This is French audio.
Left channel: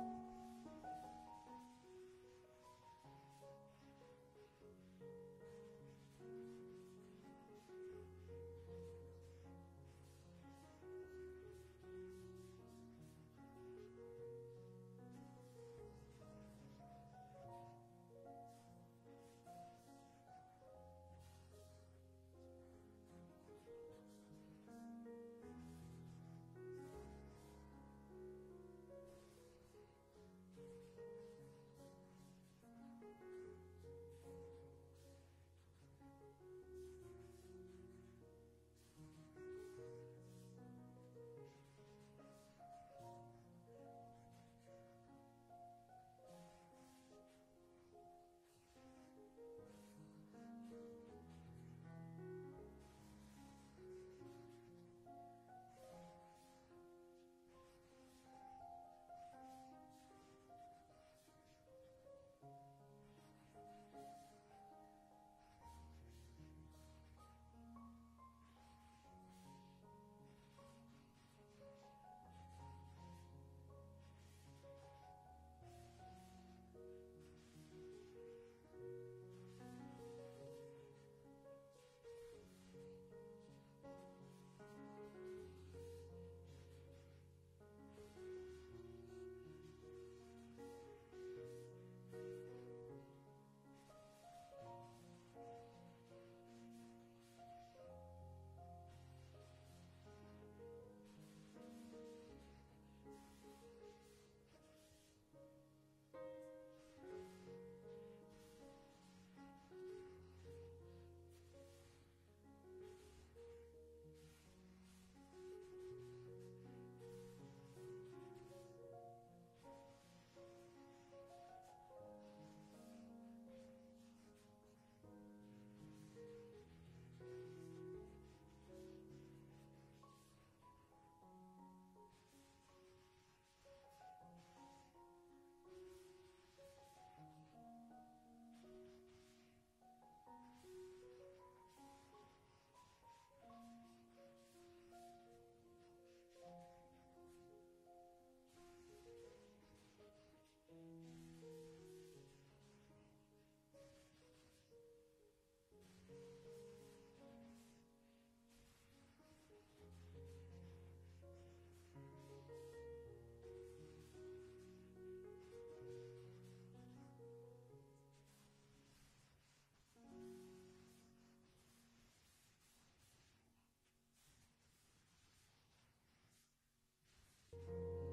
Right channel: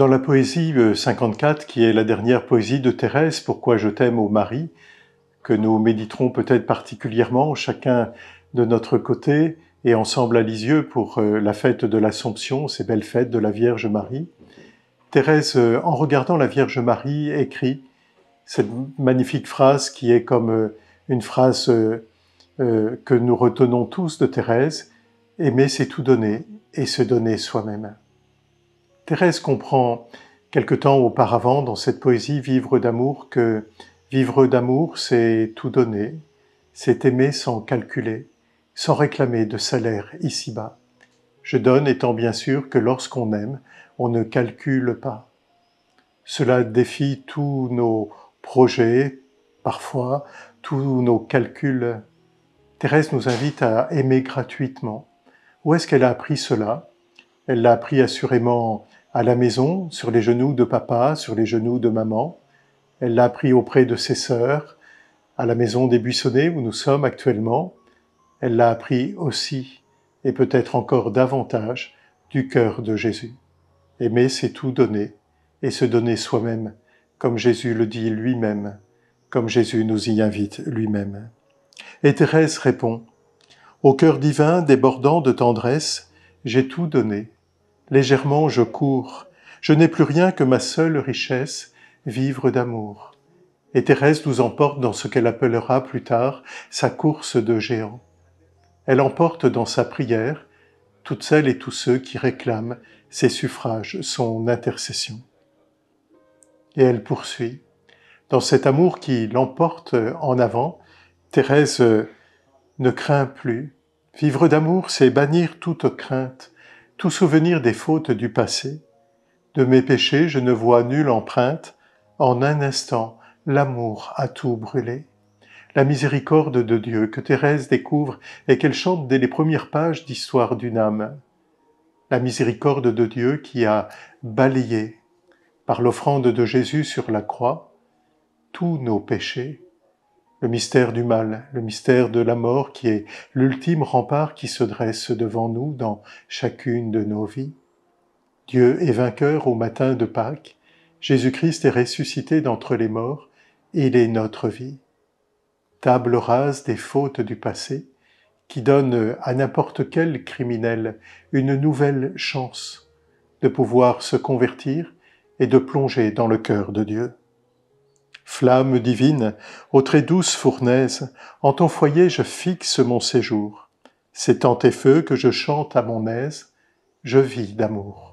Dans la poésie 54, qui est la dernière poésie de Thérèse, Pourquoi je t'aime, ô Marie, que nous méditerons peut-être particulièrement, chacun de notre côté et ensemble à Lisieux pour la fête de l'Assomption, ces belles fêtes de la Vierge Marie. Thérèse, en regardant la Vierge Marie, écrit cette magnifique phrase qui est comme une phrase que nous retenons tous de Thérèse, « Aimer, c'est tout donner et se donner soi-même ». Thérèse comprend quelque temps auparavant dans cette poésie Vivre d'amour que vivre d'amour, c'est tout donner, c'est aimer sans calculer, sans réclamer de salaire ici-bas. Je donne étant bien sûr que lorsqu'on aime, on ne calcule pas. Cela défie tous nos projets, parfois, tous nos calculs. Thérèse nous invite à aimer gratuitement. Où est-ce qu'elle a appris cela? Elle l'a appris assurément à la maison, sur les genoux de papa, sur les genoux de maman. Elle l'a appris auprès de ses sœurs, à la maison des Buissonnets où nous sommes actuellement. Elle l'a appris aussi, et peut-être encore davantage, du cœur de Jésus. Aimer, c'est tout donner, et se donner soi-même, comme Jésus le dit lui-même, comme Jésus nous y invite lui-même. Et Thérèse répond, « Au cœur divin débordant de tendresse, j'ai tout donné. Légèrement je cours, je n'ai plus rien que ma seule richesse, vivre d'amour. » Et Thérèse nous emporte dans ce qu'elle appellera plus tard sa course de géant. Elle emporte dans sa prière toutes celles et tous ceux qui réclament ses suffrages, son intercession. Et elle poursuit. Dans cet amour qui l'emporte en avant, Thérèse ne craint plus. Vivre d'amour, c'est bannir toute crainte, tout souvenir des fautes du passé. De mes péchés, je ne vois nulle empreinte. En un instant, l'amour a tout brûlé. La miséricorde de Dieu que Thérèse découvre et qu'elle chante dès les premières pages d'Histoire d'une âme. La miséricorde de Dieu qui a balayé, par l'offrande de Jésus sur la croix, tous nos péchés. Le mystère du mal, le mystère de la mort qui est l'ultime rempart qui se dresse devant nous dans chacune de nos vies. Dieu est vainqueur au matin de Pâques, Jésus-Christ est ressuscité d'entre les morts, il est notre vie. Table rase des fautes du passé, qui donne à n'importe quel criminel une nouvelle chance de pouvoir se convertir et de plonger dans le cœur de Dieu. Flamme divine, aux très douces fournaises, en ton foyer je fixe mon séjour. C'est en tes feux que je chante à mon aise, je vis d'amour.